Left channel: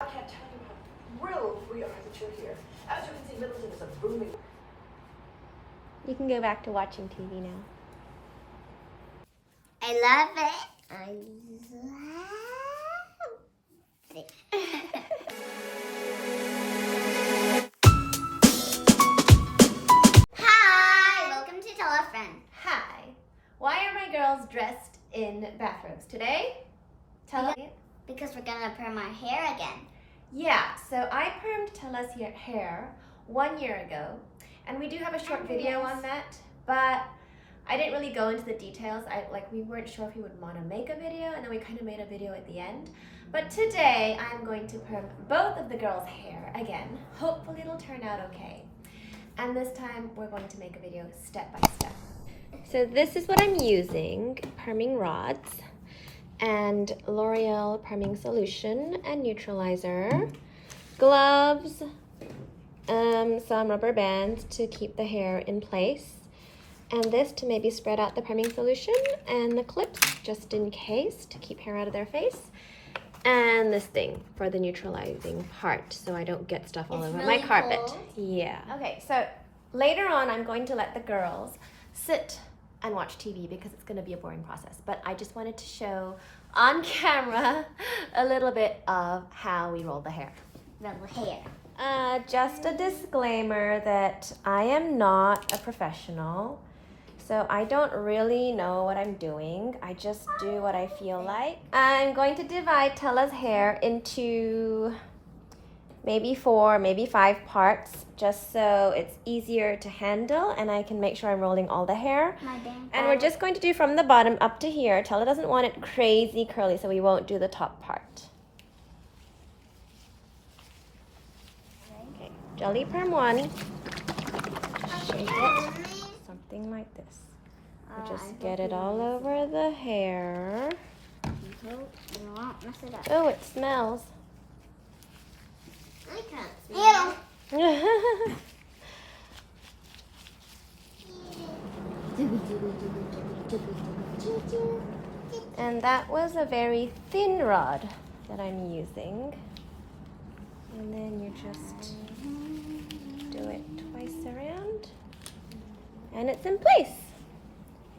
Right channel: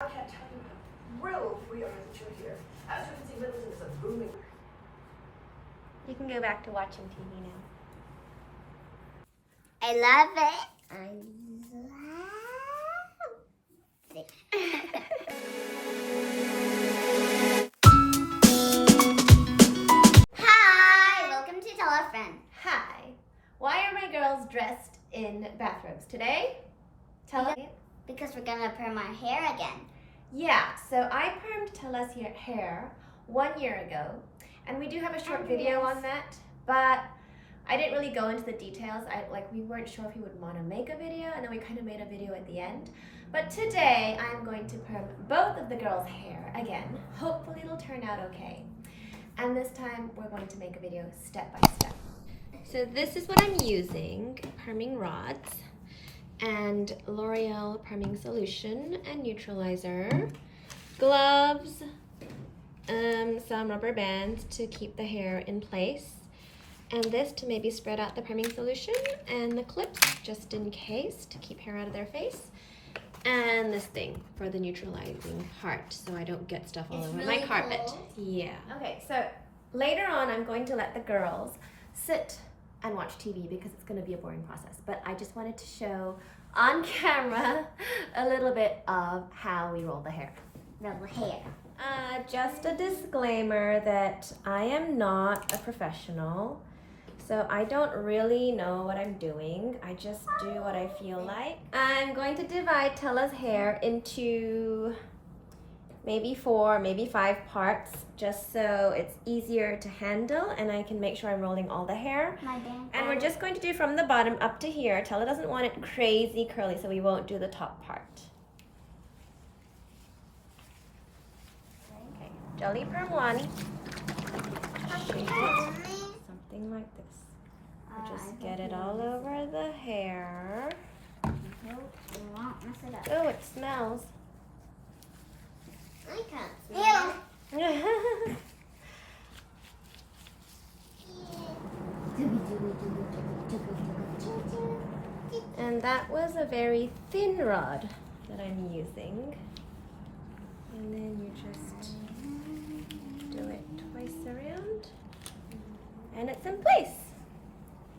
I can't tell you how thrilled we are that you're here. As you can see, Middleton is a booming. We can go back to watching TV now. I love it. I love it. Hi, welcome to Tell a Friend. Hi. Why are my girls dressed in bathrobes today? Tell us. Because we're gonna perm our hair again. Yeah, so I permed Tella's hair 1 year ago, and we do have a short video on that, but I didn't really go into the details. We weren't sure if we would want to make a video, and then we kind of made a video at the end. But today I'm going to perm both of the girls' hair again. Hopefully it'll turn out okay. And this time we're going to make a video step by step. So this is what I'm using: perming rods and L'Oreal perming solution and neutralizer, gloves, some rubber bands to keep the hair in place, and this to maybe spread out the perming solution, and the clips just in case to keep hair out of their face, and this thing for the neutralizing part so I don't get stuff all over my carpet. Cold. Yeah. Okay, so later on I'm going to let the girls sit and watch TV because it's going to be a boring process, but I just wanted to show on camera a little bit of how we roll the hair. The hair. Just a disclaimer that I am not a professional, so I don't really know what I'm doing. I just do what I feel like. I'm going to divide Tella's hair into maybe 4, maybe 5 parts, just so it's easier to handle and I can make sure I'm rolling all the hair. My band. And we're just going to do from the bottom up to here. Tella doesn't want it crazy curly, so we won't do the top part. Okay, Jelly perm 1. Shape it something like this. Just get it all over the hair. You won't mess it up. Oh, it smells. I can't smell. And that was a very thin rod that I'm using. And then you just do it twice around. And it's in place.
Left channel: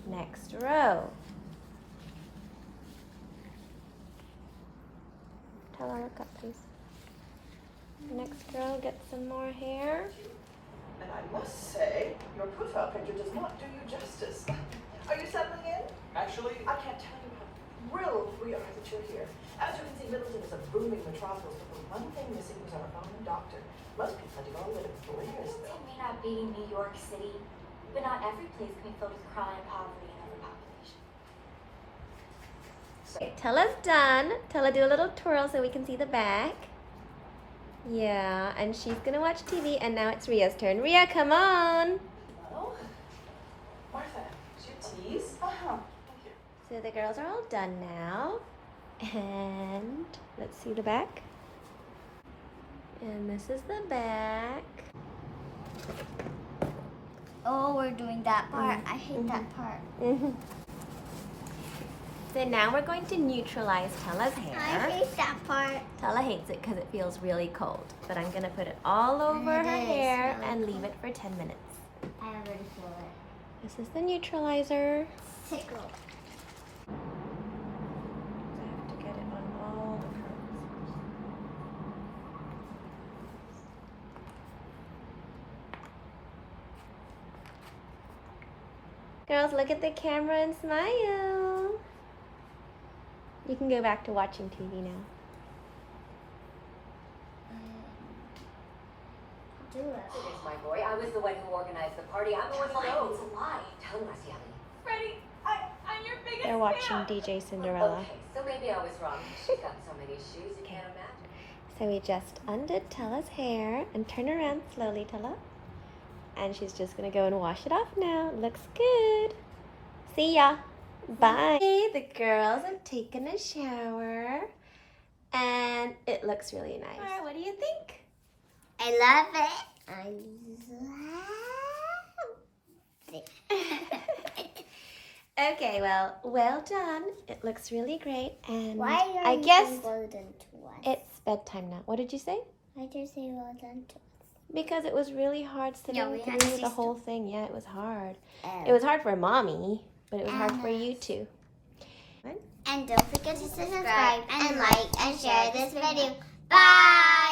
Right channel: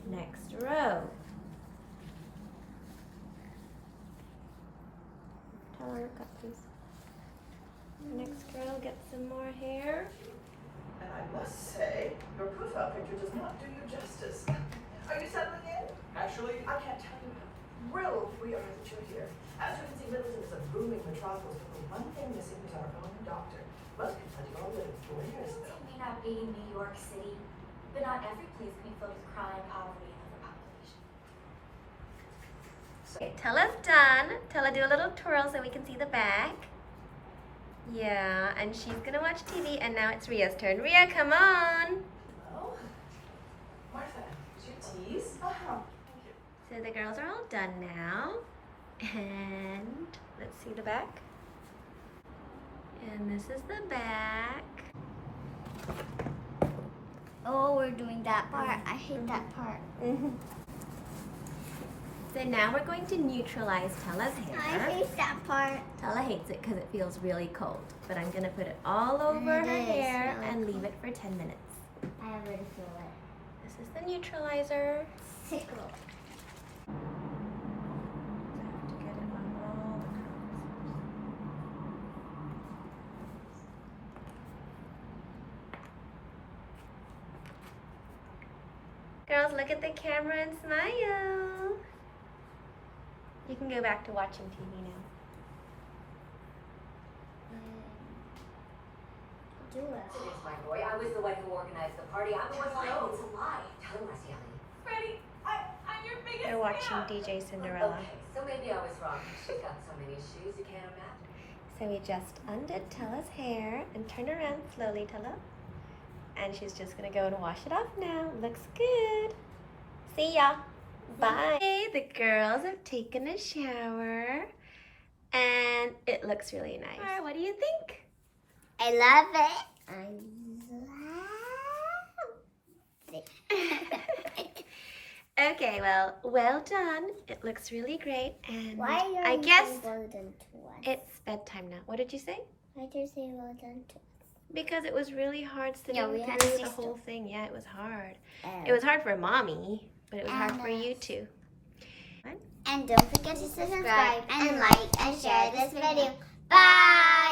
Next row. Tell her look up, please. Next girl, get some more hair. And I must say, your profile picture does not do you justice. Are you settling in? Actually, I can't tell you how thrilled we are that you're here. As you can see, Middleton is a booming metropolis, but the one thing missing is our own doctor. Most people don't live, but where is It that? may not be New York City, but not every place can be filled with chronic poverty and overpopulation. Okay, Tella's done. Tella, do a little twirl so we can see the back. Yeah, and she's gonna watch TV, and now it's Ria's turn. Ria, come on! Hello? Martha, did you tease? Uh-huh. Thank you. So the girls are all done now. And let's see the back. And this is the back. Oh, we're doing that part. I hate that part. So now we're going to neutralize Tella's I hair. hate that part. Tella hates it because it feels really cold. But I'm gonna put it all over It her is hair really and cold. leave it for 10 minutes. I already feel it. This is the neutralizer. Tickle. I have to get it on all the curls. Girls, look at the camera and smile. You can go back to watching TV now. Do it. It's my boy. I was the one who organized the party. I'm the one who knows. It's a lie. Tell him, Marciani. Freddie, I'm your biggest They're watching DJ Cinderella. Okay, so maybe I was wrong. She's got so many shoes you can't imagine. So we just undid Tella's hair and turn around slowly, Tella. And she's just gonna go and wash it off now. Looks good. See ya. Bye. Hey, the girls have taken a shower and it looks really nice. What do you think? I love it. I love it. Okay, well done. It looks really great. And Why are I you guess using golden twice? it's bedtime now. What did you say? I just say well done to Because it was really hard sitting Yeah, we had through to the see whole thing. Yeah, it was hard. us. It was hard for mommy, but it was hard And for you us. too. And don't forget to subscribe and like and share this video. Bye!